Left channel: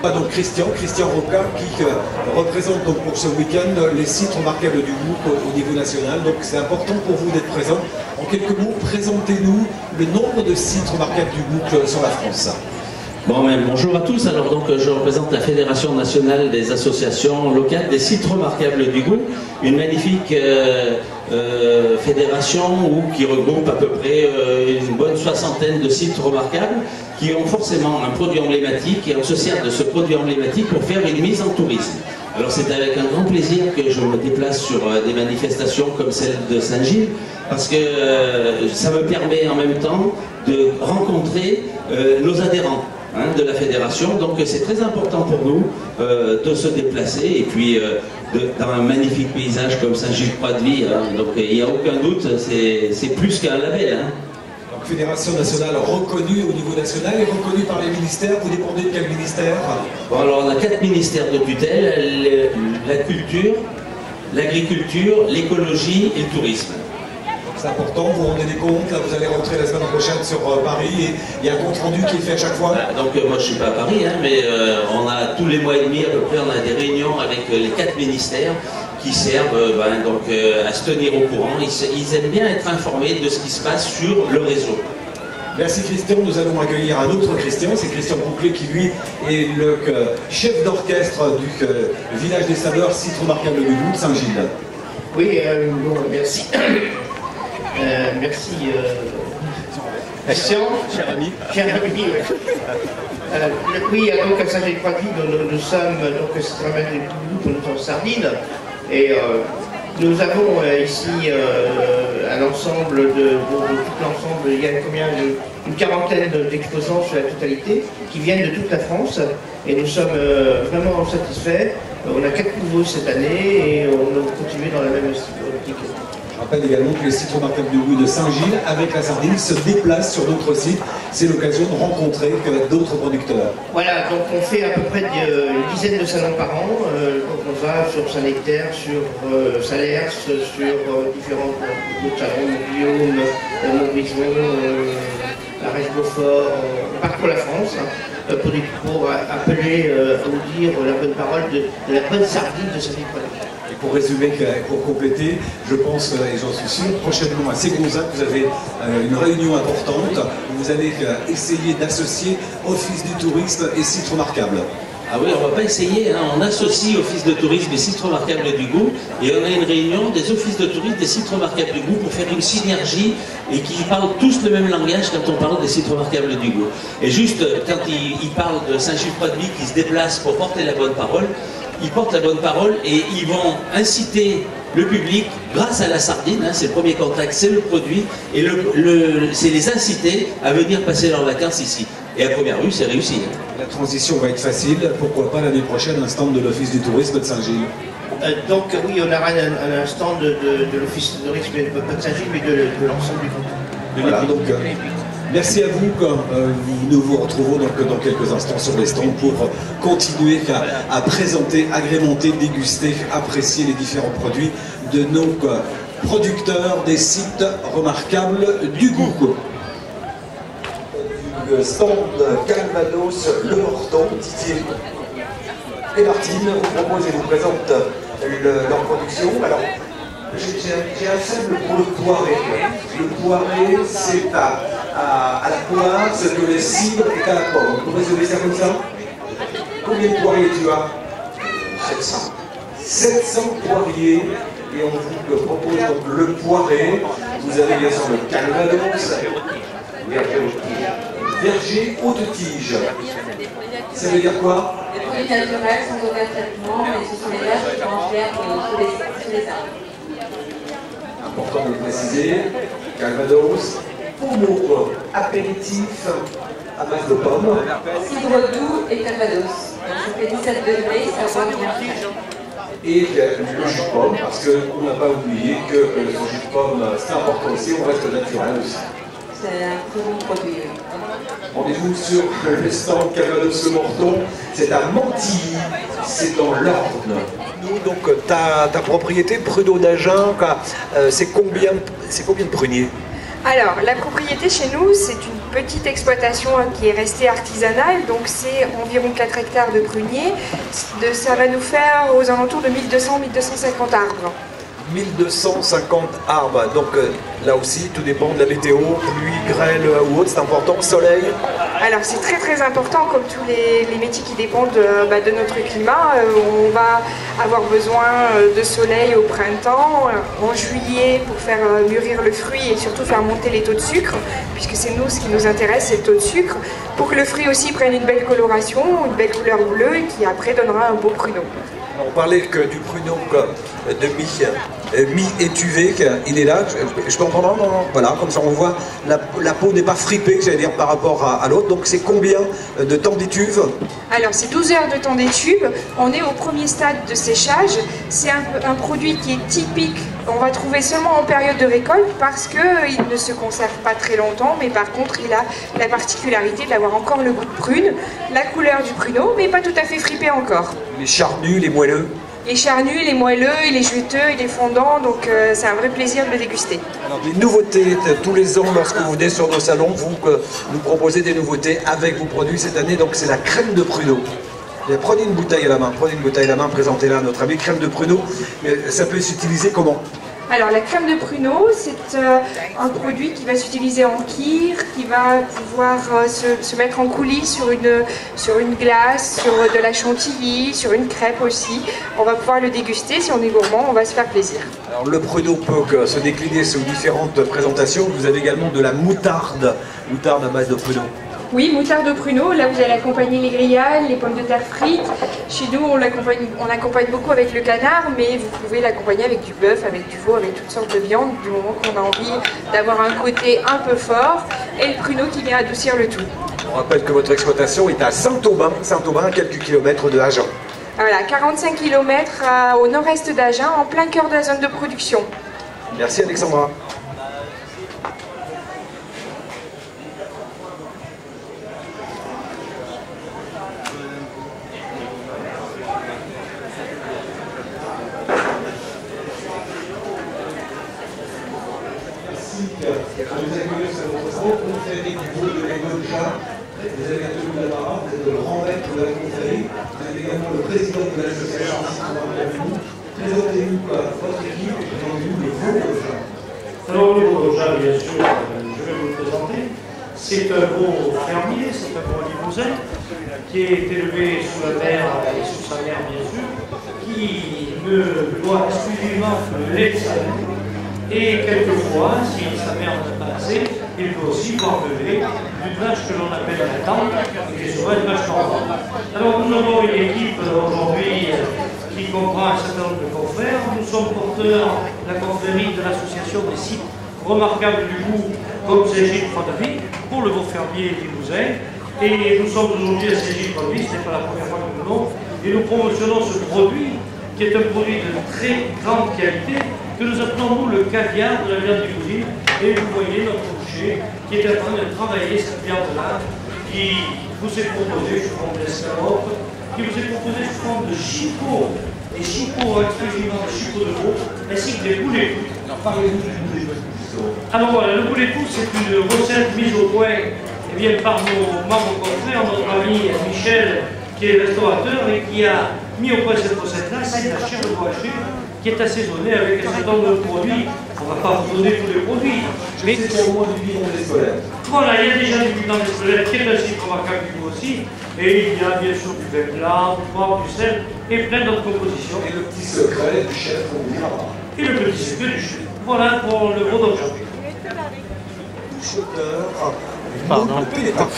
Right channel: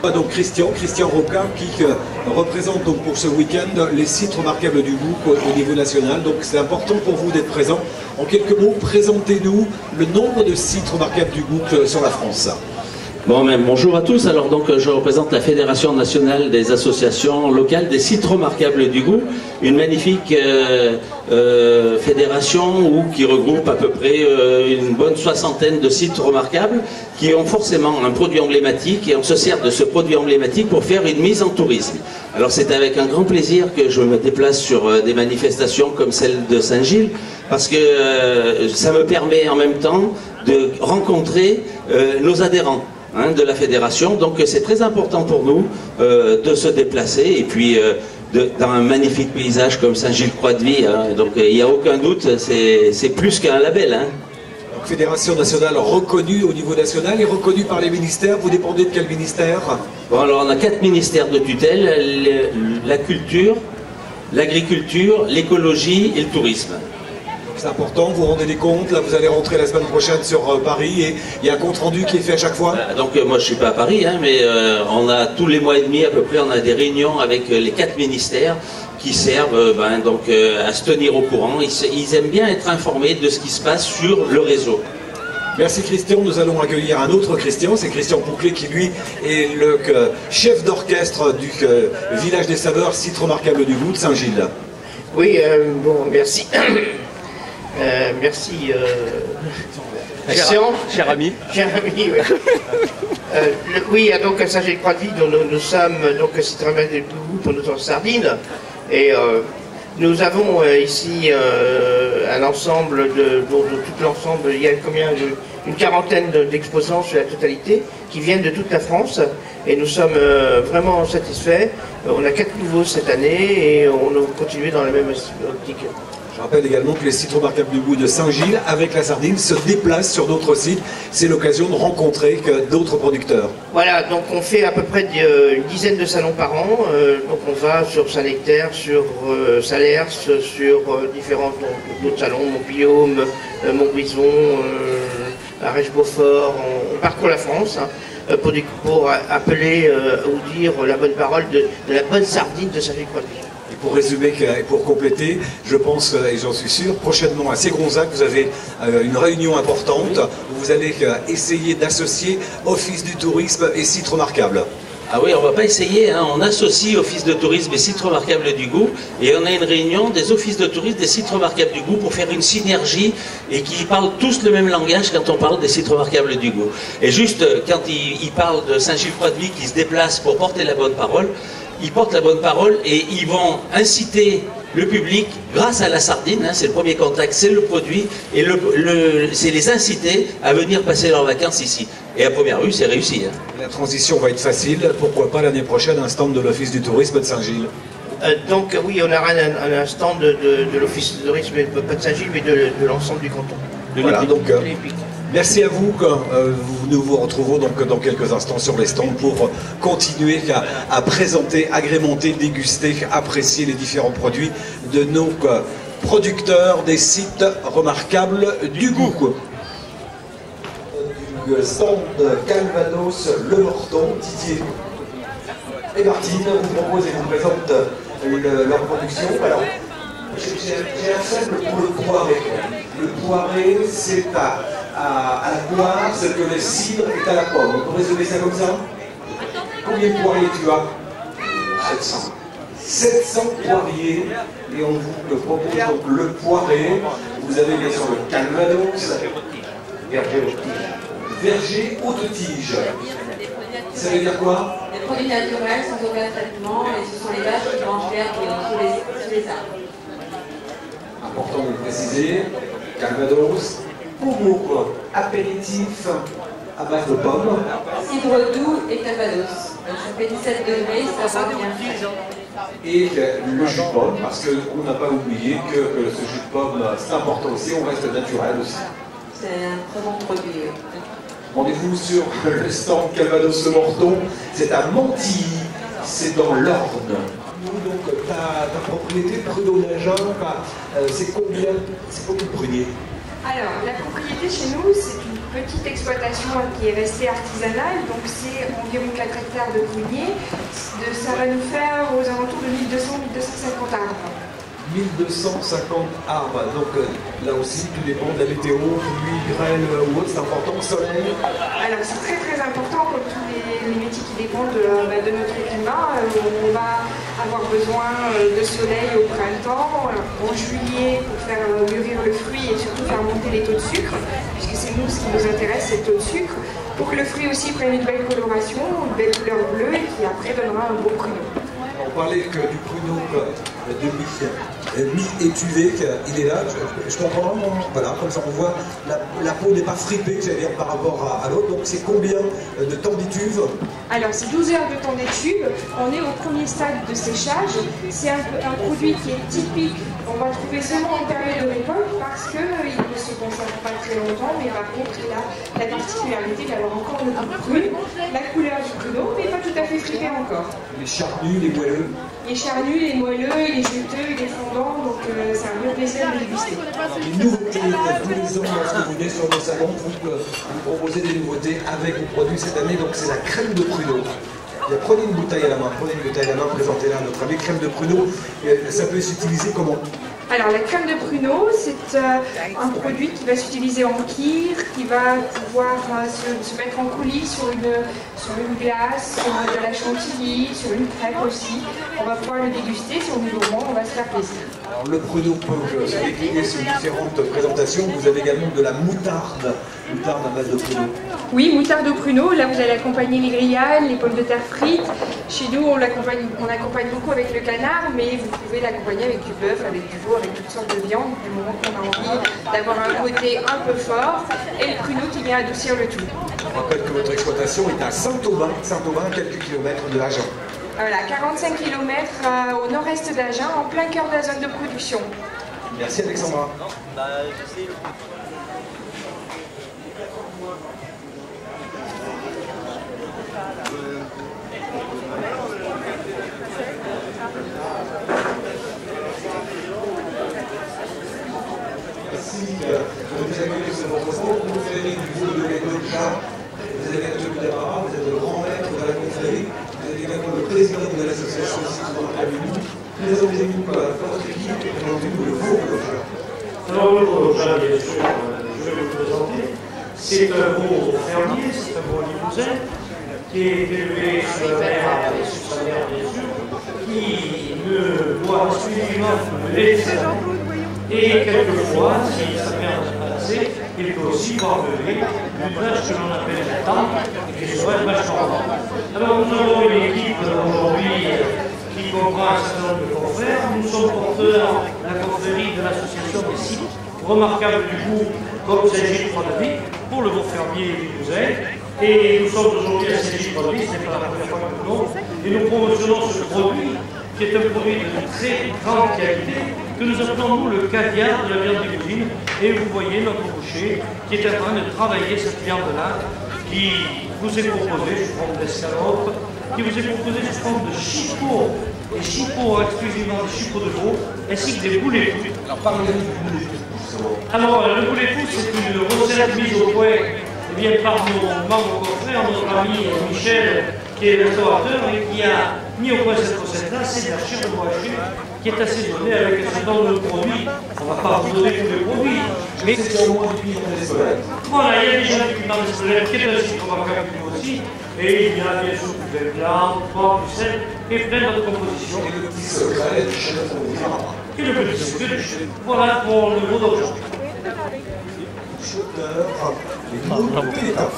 Donc Christian Rocard qui représente donc pour ce week-end les sites remarquables du groupe au niveau national. Donc c'est important pour vous d'être présent. En quelques mots, présentez-nous le nombre de sites remarquables du groupe sur la France. Bon, bonjour à tous. Alors donc je représente la Fédération nationale des associations locales des sites remarquables du goût, une magnifique fédération qui regroupe à peu près une bonne soixantaine de sites remarquables qui ont forcément un produit emblématique et on se sert de ce produit emblématique pour faire une mise en tourisme. Alors c'est avec un grand plaisir que je me déplace sur des manifestations comme celle de Saint-Gilles parce que ça me permet en même temps de rencontrer nos adhérents de la fédération, donc c'est très important pour nous de se déplacer et puis dans un magnifique paysage comme Saint-Gilles-Croix-de-Vie, donc il n'y a aucun doute, c'est plus qu'un label. Donc Fédération nationale reconnue au niveau national et reconnue par les ministères. Vous dépendez de quel ministère? Bon, alors on a 4 ministères de tutelle, la culture, l'agriculture, l'écologie et le tourisme. C'est important, vous vous rendez compte, là vous allez rentrer la semaine prochaine sur Paris et il y a un compte rendu qui est fait à chaque fois. Donc moi je ne suis pas à Paris, mais on a tous les mois et demi à peu près, on a des réunions avec les 4 ministères qui servent à se tenir au courant. Ils aiment bien être informés de ce qui se passe sur le réseau. Merci Christian, nous allons accueillir un autre Christian, c'est Christian Pouclet qui lui est le chef d'orchestre du village des saveurs, site remarquable du goût de Saint-Gilles. Oui, bon, merci. Merci, cher ami. Cher ami, oui. Oui, donc à Saint-Gilles-Croix-de-Vie, nous sommes donc c'est un du groupe, nous sommes Sardines, et nous avons ici un ensemble tout l'ensemble, il y a une quarantaine d'exposants sur la totalité qui viennent de toute la France, et nous sommes vraiment satisfaits. On a 4 nouveaux cette année et on va continuer dans la même optique. Je rappelle également que les sites remarquables du goût de Saint-Gilles, avec la Sardine, se déplacent sur d'autres sites. C'est l'occasion de rencontrer d'autres producteurs. Voilà, donc on fait à peu près une dizaine de salons par an. Donc on va sur Saint-Nectaire, sur Salers, sur différents autres salons, Montguillaume, Montbrison, Arèche-Beaufort. On parcourt la France pour appeler ou dire la bonne parole de la bonne sardine de Saint-Gilles-Croix-de-Vie. Et pour résumer, pour compléter, je pense, et j'en suis sûr, prochainement à Ségonzac, vous avez une réunion importante où vous allez essayer d'associer Office du tourisme et sites remarquables. Ah oui, on ne va pas essayer, on associe Office de tourisme et sites remarquables du goût et on a une réunion des offices de tourisme des sites remarquables du goût pour faire une synergie et qui parlent tous le même langage quand on parle des sites remarquables du goût. Et juste quand ils parlent de Saint-Gilles-Croix-de-Vie qui se déplace pour porter la bonne parole, ils portent la bonne parole et ils vont inciter le public, grâce à la sardine, c'est le premier contact, c'est le produit, et c'est les inciter à venir passer leurs vacances ici. Et à première vue, c'est réussi. La transition va être facile, pourquoi pas l'année prochaine un stand de l'Office du tourisme de Saint-Gilles? Donc oui, on aura un stand de l'Office du tourisme, pas de Saint-Gilles, mais de l'ensemble du canton. Voilà, donc merci à vous. Nous vous retrouvons donc dans quelques instants sur les stands pour continuer à présenter, agrémenter, déguster, apprécier les différents produits de nos producteurs des sites remarquables du goût. Le stand Calvados, Le Morton, Didier et Martine vous proposent et vous présentent leur production. Alors, j'ai un faible pour le poiré. Le poiré, c'est à la poire ce que le cidre est à la pomme. Vous résumez ça comme ça? Combien de poiriers tu as? 700. 700 poiriers, et on vous propose donc le poiré. Vous avez bien sûr le Calvados, verger haute tige. Ça veut dire quoi? Des produits naturels, sans aucun traitement, et ce sont les vaches qui mangèrent sur les arbres. Important de le préciser, Calvados, pommeau, apéritif à base de pommes. Cidre doux et Calvados. Donc ça fait 17 degrés, ça va bien faire. Et le jus de pomme, parce qu'on n'a pas oublié que ce jus de pomme, c'est important aussi, on reste naturel aussi. C'est un très bon produit. Rendez-vous sur le stand Calvados Le Morton, c'est à Mantilly, c'est dans l'Orne. Donc ta propriété, Pruneau d'Agen, c'est combien de pruniers? Alors, la propriété chez nous, c'est une petite exploitation qui est restée artisanale, donc c'est environ 4 hectares de pruniers. Ça va nous faire aux alentours de 1200-1250 arbres. 1250 arbres, donc là aussi tout dépend de la météo, pluie, grêle ou autre, c'est important, soleil. Alors c'est très très important, comme tous les métiers qui dépendent de notre climat. On va avoir besoin de soleil au printemps, en juillet pour faire mûrir le fruit et surtout faire monter les taux de sucre, puisque c'est nous, ce qui nous intéresse, c'est le taux de sucre, pour que le fruit aussi prenne une belle coloration, une belle couleur bleue et qui après donnera un beau pruneau. Alors on parlait que du pruneau de mi-étuvé, il est là, je peux en prendre un, voilà, comme ça on voit, la peau n'est pas fripée, j'allais dire, par rapport à l'autre, donc c'est combien de temps d'étuve? Alors c'est 12 heures de temps d'étuve, on est au premier stade de séchage, c'est un produit qui est typique, on va trouver seulement en période de récolte parce qu'il ne se conserve pas très longtemps, mais par contre il a la particularité d'avoir encore le goût de prune, la couleur du pruneau, mais pas tout à fait fripé encore. Les charnus, les moelleux? Les charnus, les moelleux, il est juteux, il est fondant, donc c'est un vrai plaisir de le déguster. Alors des nouveautés, tous les ans lorsque vous venez sur nos salons, vous nous proposez des nouveautés avec vos produits cette année, donc c'est la crème de pruneau. Prenez une bouteille à la main, présentez-la à notre ami, crème de pruneau, ça peut s'utiliser comment? Alors la crème de pruneau, c'est un produit qui va s'utiliser en kir, qui va pouvoir se mettre en coulis sur une glace, sur de la chantilly, sur une crêpe aussi. On va pouvoir le déguster, si on est gourmand, on va se faire plaisir. Alors le pruneau peut se décliner sous différentes présentations. Vous avez également de la moutarde à base de pruneau. Oui, moutarde au pruneau. Là, vous allez accompagner les grillades, les pommes de terre frites. Chez nous, on accompagne beaucoup avec le canard, mais vous pouvez l'accompagner avec du bœuf, avec du veau, avec toutes sortes de viandes, du moment qu'on a envie d'avoir un côté un peu fort, et le pruneau qui vient adoucir le tout. On rappelle que votre exploitation est à Saint-Aubin, à quelques kilomètres de Agen. Voilà, 45 km au nord-est d'Agen, en plein cœur de la zone de production. Merci Alexandra. De nous accueillir sur votre stand. Vous faites du veau de l'Écocha, vous avez l'atelier de la Barra, vous êtes le grand maître de la confrérie, vous êtes également le président de l'association artistique de Marc-Cavou. Présentez-nous votre équipe et présentez-nous le veau de l'Écocha. Alors le veau de l'Écocha, bien sûr, je vais vous le présenter. C'est un veau fermier, c'est un veau limousin qui est élevé sous la mer et sous sa mère, bien sûr, qui ne boit exclusivement que le lait de sa mère. Et quelquefois, si sa mère n'en a pas assez, il peut aussi boire le lait d'une vache que l'on appelle la tante et qui est souvent une vache normande. Alors nous avons une équipe aujourd'hui qui comprend un certain nombre de confrères. Nous sommes porteurs de la confrérie de l'association des sites remarquables du goût comme Saint-Gilles-Croix-de-Vie pour le veau fermier limousin. Et nous sommes aujourd'hui à Saint-Gilles-Croix-de-Vie, ce n'est pas la première fois que nous venons, et nous promotionnons ce produit qui est un produit de très grande qualité, que nous appelons nous le caviar de la viande limousine. Et vous voyez notre boucher qui est en train de travailler cette viande-là, qui vous est proposée sous forme d'escalope, qui vous est proposée sous forme de chipots, des chipots exclusivement des chipots de veau, ainsi que des boulets tout. Alors parlez-nous du boulet tout, justement. Alors voilà, le boulet tout, c'est une recette mise au point par nos membres confrères, notre ami Michel, qui est restaurateur et qui a mis au point cette recette-là. C'est de la chair de veau haché qui est assaisonnée avec un certain nombre de produits. On ne va pas vous donner tous les produits. Mais c'est qu'il y a au moins du piment d'Espelette. Voilà, il y a déjà du piment d'Espelette qui est un site remarquable lui aussi. Et il y a bien sûr du vin blanc, du poivre, du sel et plein d'autres compositions. Et le petit secret du chef, on ne dira pas. Et le petit secret du chef. Voilà pour le veau d'Orgeat. Pardon. Pénétin.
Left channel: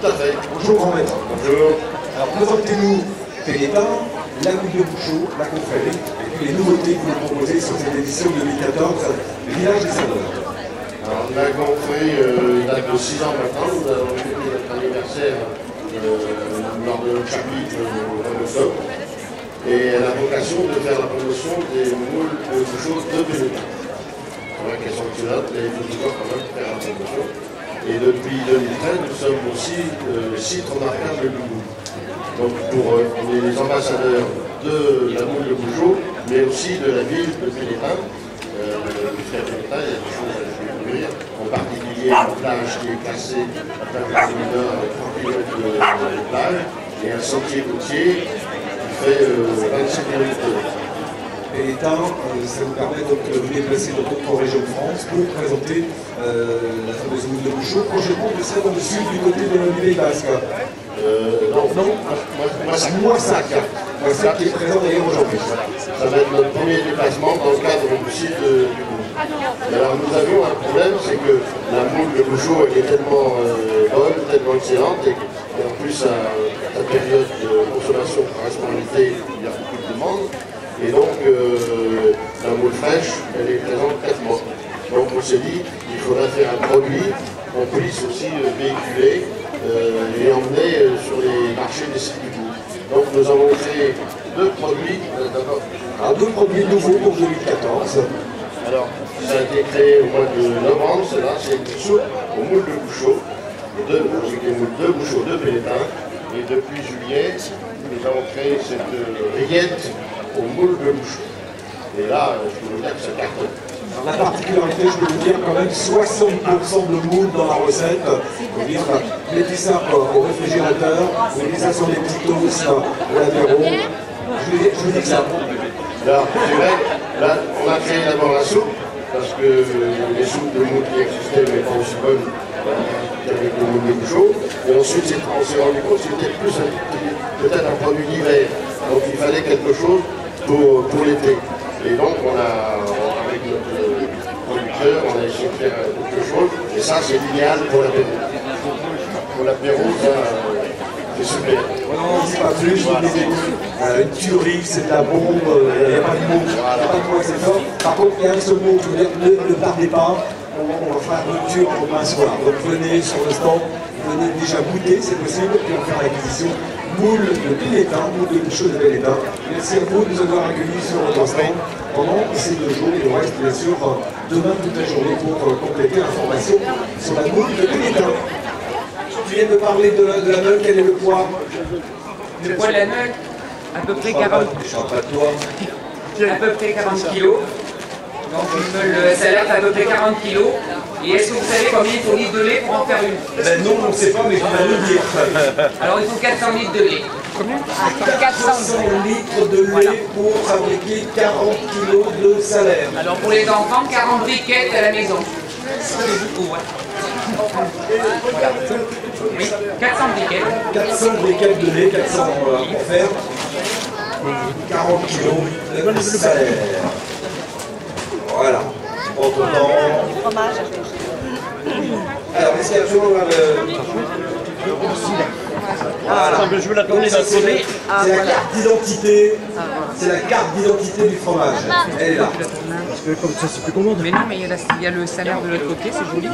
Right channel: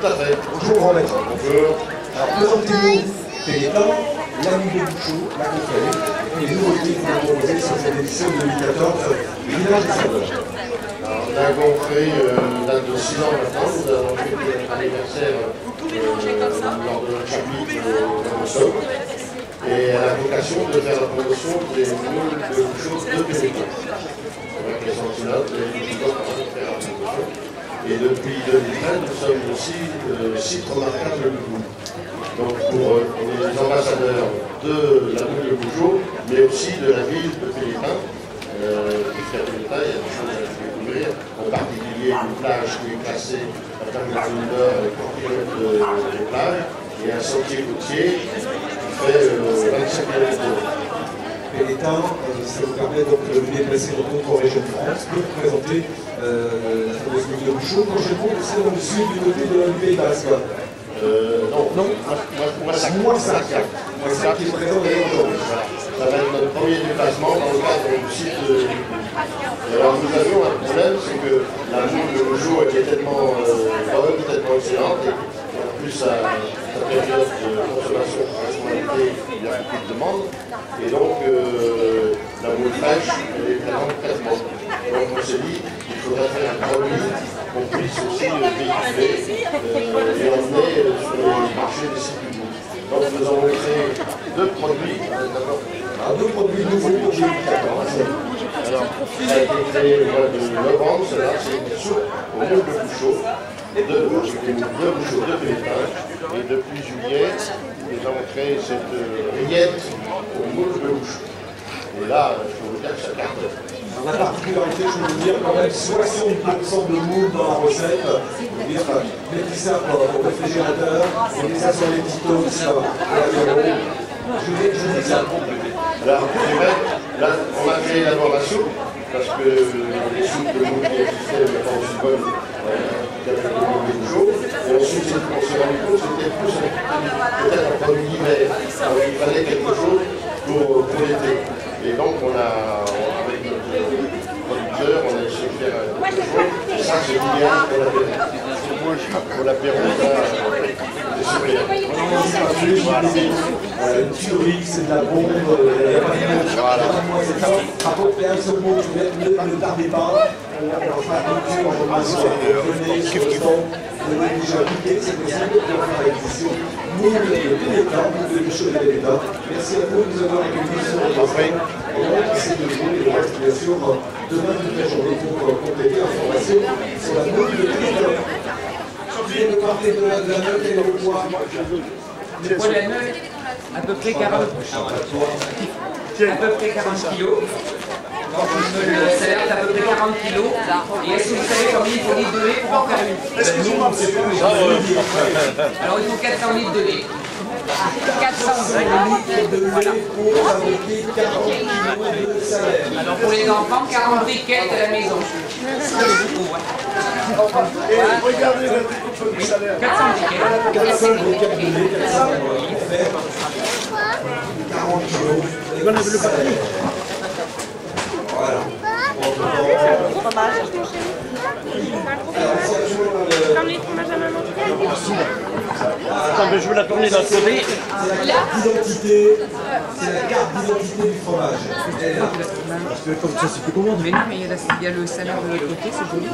Tout à fait. Bonjour grand maître. Bonjour. Alors présentez-nous Pénétin, la mouille de Bouchot, la confrérie, et puis les nouveautés que vous nous proposez sur cette édition 2014, le village des saveurs. Alors la confrérie date de 6 ans maintenant. Nous avons fêté notre anniversaire lors de notre chapitre au mois d'octobre. Et elle a vocation de faire la promotion des moules de Bouchot de Pénétin. C'est vrai qu'elles sont excellentes, mais nous devons quand même faire la promotion. Et depuis 2013, nous sommes aussi site remarquable du goût. Donc on est les ambassadeurs de la moule de Bouchot, mais aussi de la ville de Pénétin. Puisqu'à Pénétin, il y a des choses à découvrir. découvrir, en particulier une plage qui est classée, la plage de Zundeur, avec 3 km de plage, et un sentier côtier qui fait 25 km. Pélétin, ça vous permet donc de vous déplacer dans d'autres régions de France pour présenter la fameuse mousse de Bouchot. Prochainement, vous serez dans le sud du côté du Pays Basque. Non. Moissac qui est présent d'ailleurs aujourd'hui. Voilà. Ça va être notre premier déplacement dans le cadre du site du Bouchot. Et alors nous avions un problème, c'est que la moule de Bouchot est tellement bonne, tellement excellente, et en plus sa période de consommation par l'été, il y a beaucoup de demandes. Et donc la moule fraîche, elle est présente 4 mois. Donc on s'est dit qu'il faudrait faire un produit qu'on puisse aussi véhiculer et emmener sur les marchés des sites du bout. Donc nous avons créé 2 produits. D'abord, 2 produits nouveaux pour 2014. Alors, ça a été créé au mois de novembre, celle-là, c'est une soupe aux moules de Bouchot, des moules de Bouchot de Pélétin. Et depuis juillet, nous avons créé cette rillette aux moules de Bouchot. Et là, je peux vous dire que ça cartonne. Alors, la particularité, je peux vous dire, quand même 60% de moules dans la recette. Mettez ça au réfrigérateur, mettez ça sur les petits toasts, je vous dis ça. Alors, c'est vrai, là, on a créé d'abord la soupe, parce que les soupes de moules qui existaient n'étaient pas aussi bonnes qu'avec le moule de Bouchot. Et ensuite, on s'est rendu compte que c'était plus peut-être un produit d'hiver. Donc, il fallait quelque chose pour l'été. Et donc, avec notre producteur, on a essayé de faire quelque chose. Et ça, c'est idéal pour l'apéro. Pour l'apéro, c'est super. On dit pas plus, une tuerie, c'est de la bombe, il n'y a pas de mot, c'est ça. Par contre, il y a un seul mot, ne tardez pas, on va faire une cure demain soir. Venez sur le stand, venez déjà goûter, c'est possible, puis on fait l'acquisition. Moule de Pélétin, moule de Bouchot de Pélétin. Merci à vous de nous avoir accueillis sur notre stand pendant ces 2 jours et on reste bien sûr demain toute la journée pour compléter l'information sur la moule de Pélétin. Je viens de parler de la meule, quel est le poids? Le poids de la meule, à peu près 40 kilos. Donc une meule salaire, c'est à peu près 40 kilos. Et est-ce que vous savez combien il faut de litres de lait pour en faire une? Non, on ne sait pas, mais je vais le dire. Alors il faut 400 litres de lait. 400 litres de lait pour fabriquer 40 kilos de salaire. Alors pour les enfants, 40 briquettes à la maison. C'est beaucoup, hein. Regardez oui, 400 briquettes. 400 briquettes de lait, 400 pour faire 40 kilos de salaire. Voilà. Bon, alors ici, je veux la tourner d'un côté. c'est la carte d'identité. C'est la carte d'identité du fromage. Elle est là. Parce que comme ça, c'est plus commode. Mais non, mais il y a le salaire de l'autre côté, c'est joli.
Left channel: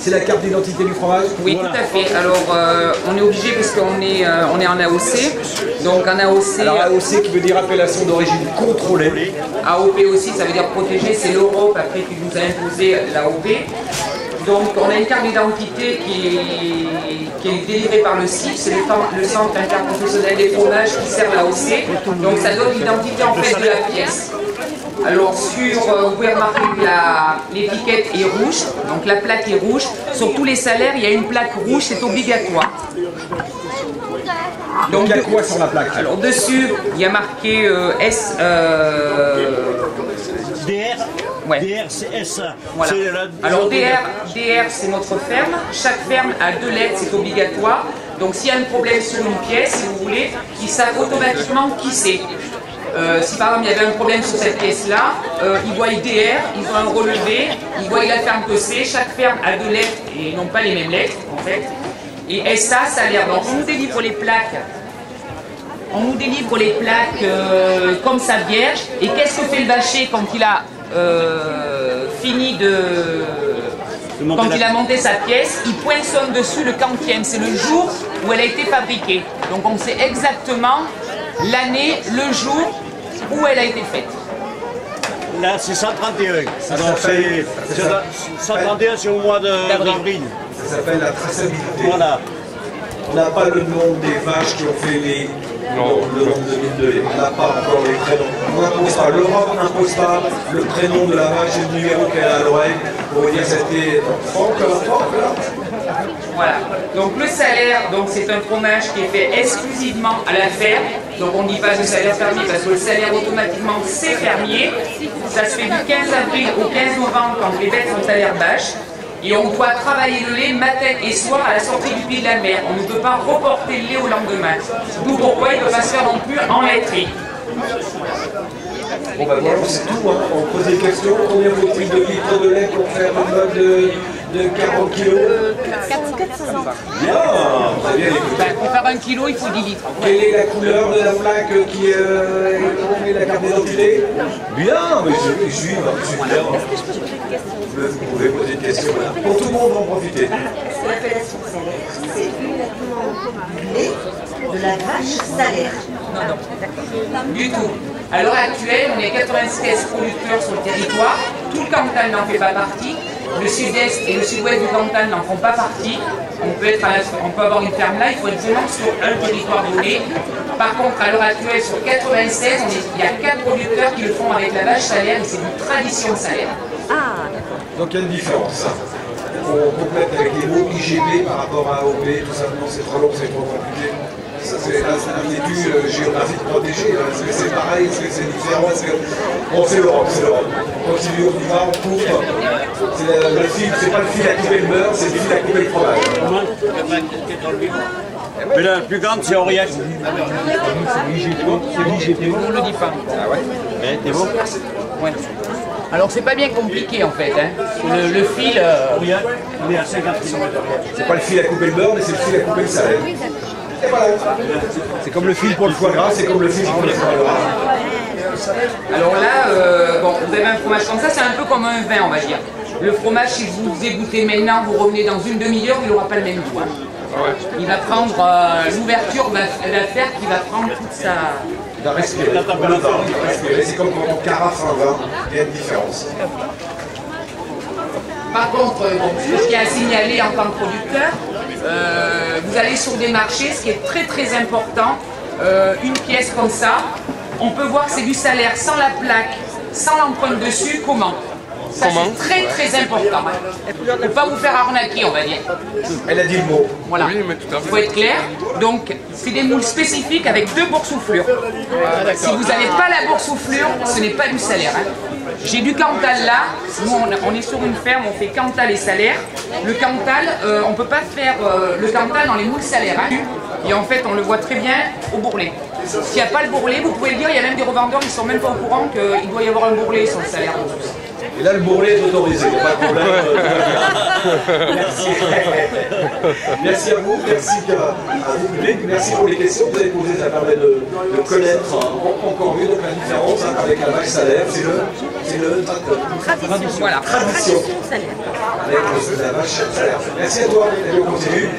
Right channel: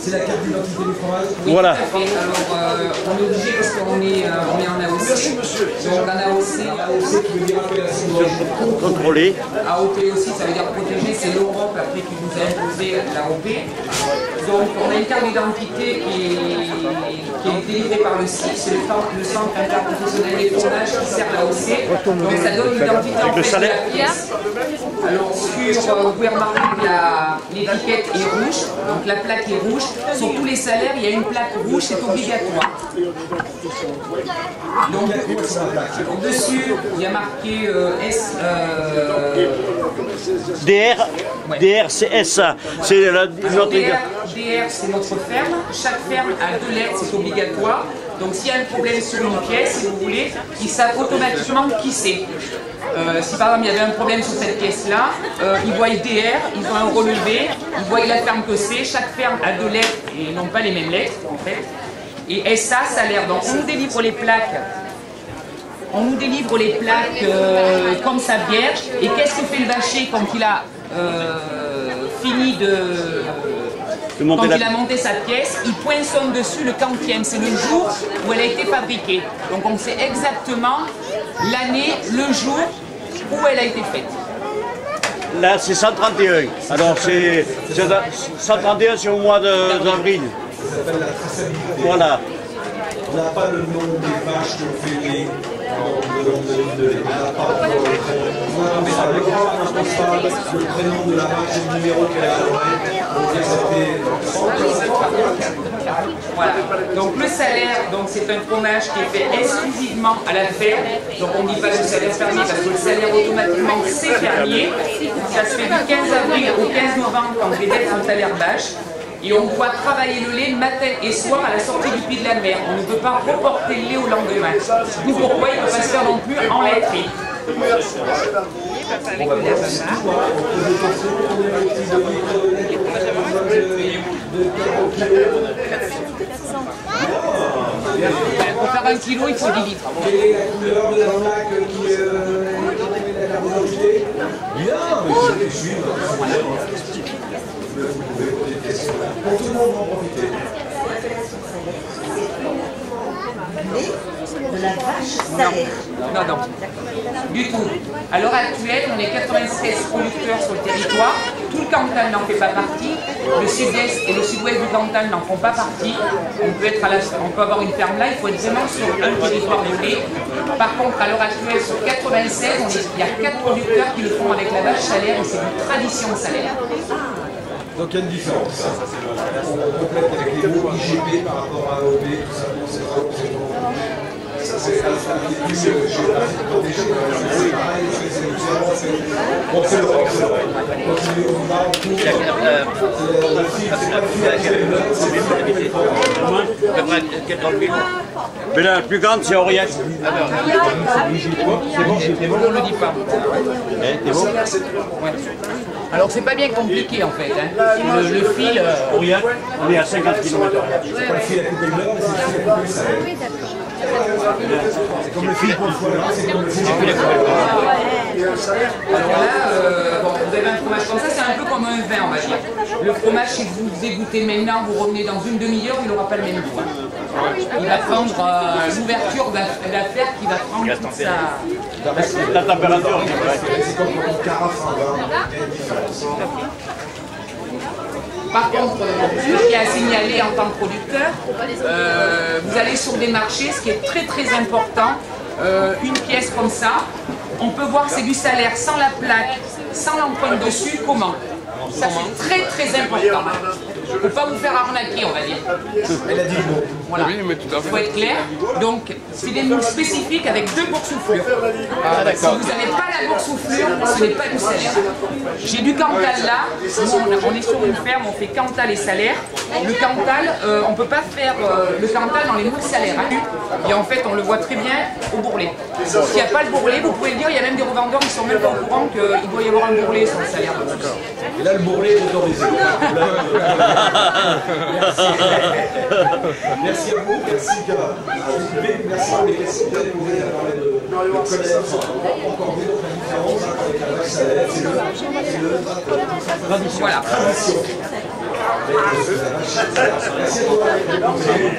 C'est la carte d'identité du fromage? Oui, voilà. Tout à fait. Alors, on est obligé parce qu'on est en AOC. Donc, en AOC... Alors, AOC qui veut dire appellation d'origine contrôlée. AOP aussi, ça veut dire protégé. C'est l'Europe, après, qui nous a imposé l'AOP. Donc, on a une carte d'identité qui est délivrée par le CIF. C'est le Centre interprofessionnel des fromages qui sert l'AOC. Donc, ça donne l'identité, en fait, de la pièce. Alors, vous pouvez remarquer que l'étiquette est rouge. Donc, la plaque est rouge. Sur tous les salaires, il y a une plaque rouge, c'est obligatoire. Donc, il y a quoi sur la plaque? Alors, dessus, il y a marqué S. DR, ouais. DR c'est SA. Voilà. Alors, DR, c'est notre ferme. Chaque ferme a 2 lettres, c'est obligatoire. Donc, s'il y a un problème sur une pièce, si vous voulez, ils savent automatiquement qui c'est. Si par exemple il y avait un problème sur cette pièce-là, ils voient DR, ils ont un relevé, ils voient la ferme que c'est, chaque ferme a 2 lettres et non pas les mêmes lettres en fait. Et SA, salaire. Donc on nous délivre les plaques. On nous délivre les plaques comme ça vierge. Et qu'est-ce que fait le vacher quand il a fini quand il a monté sa pièce, il poinçonne dessus le quantième. C'est le jour où elle a été fabriquée. Donc on sait exactement l'année, le jour où elle a été faite. Là, c'est 131. Alors, c'est 131, c'est au mois d'avril. Ça s'appelle la traçabilité. Voilà. On n'a pas le nom des vaches qui ont fait le nombre de litres de lait. On n'a pas encore les prénoms. On n'impose pas. L'Europe n'impose pas le prénom de la vache et le numéro qu'elle a à l'oreille. veut dire que c'était 30, 40 ans. Voilà. Donc le salaire, c'est un fromage qui est fait exclusivement à la ferme. Donc on ne dit pas le salaire fermier parce que le salaire automatiquement c'est fermier. Ça se fait du 15 avril au 15 novembre quand les bêtes sont à l'herbage. Et on doit travailler le lait matin et soir à la sortie du Puy de la Mer. On ne peut pas reporter le lait au lendemain. D'où pourquoi il ne peut pas se faire non plus en laiterie. Bon ben voilà, c'est tout, hein. On pose des questions. Combien vous prix de litres de lait pour faire un mode de 40 kg? 400. Bien, vous avez bien écouté. Pour faire 1 kg, il faut 10 litres. Quelle est la couleur de la plaque qui est la carte d'identité? Bien, mais je suis. Vous pouvez poser une question. Pour tout le monde, en profiter. Est-ce que l'appellation salaire, c'est uniquement du lait de la vache salaire? Non, non. Du tout. À l'heure actuelle, on est 96 producteurs sur le territoire. Tout le Cantal n'en fait pas partie. Le sud-est et le sud-ouest du Cantal n'en font pas partie. On peut avoir une ferme là, il faut être vraiment sur un territoire donné. Par contre, à l'heure actuelle, sur 96, il y a 4 producteurs qui le font avec la vache salaire et c'est du tradition salaire. Donc il y a une différence. On complète avec les mots IGP par rapport à AOP, tout simplement c'est trop long, c'est trop compliqué. Ça c'est l'inquiétude géographique protégée. Est-ce que c'est pareil, est-ce que c'est différent? Bon, c'est l'Europe, c'est l'Europe. On continue, on y va, on couvre. Le fil, c'est pas le fil à couper le beurre, c'est le fil à couper le fromage. Mais la plus grande, c'est Aurillac. On ne le dit pas. Ah ouais? T'es bon? Ouais. Alors c'est pas bien compliqué en fait. Hein. Le fil. Aurillac, on est à 50 km. C'est pas le fil à couper le beurre, mais c'est le fil à couper le salaire. C'est comme le fil pour le foie gras, c'est comme le fil pour le foie gras. Alors là, bon, vous avez un fromage comme ça, c'est un peu comme un vin, on va dire. Le fromage, si vous vous égouttez maintenant, vous revenez dans une demi-heure, il n'aura pas le même goût. Hein. Il va prendre, l'ouverture va faire qu'il va prendre toute sa... La température. C'est comme quand on carafe un vin, il y a une différence. Par contre, ce qui est à signaler en tant que producteur, vous allez sur des marchés, ce qui est très très important, une pièce comme ça, on peut voir que c'est du salaire sans la plaque, sans l'empreinte dessus, comment? Ça c'est très très important. Il ne faut pas vous faire arnaquer, on va dire. Elle a dit le mot. Voilà, il faut être clair. Donc, c'est des moules spécifiques avec 2 boursouflures. Si vous n'avez pas la boursouflure, ce n'est pas du salaire. J'ai du Cantal là. Nous, on est sur une ferme, on fait Cantal et salaire. Le Cantal, on ne peut pas faire le Cantal dans les moules salaires. Hein. Et en fait, on le voit très bien au bourrelet. S'il n'y a pas le bourrelet, vous pouvez le dire, il y a même des revendeurs qui ne sont même pas au courant qu'il doit y avoir un bourrelet sur le salaire. Et là, le bourrelet est autorisé, il n'y a pas de problème, tout va bien. Merci. Merci à vous, merci à vous public, merci pour les questions que vous avez posées, ça permet de connaître encore mieux donc, la différence hein, avec la vache salaire, c'est le tradition. Voilà. Tradition. Avec la vache salaire. Merci à toi, et on continue.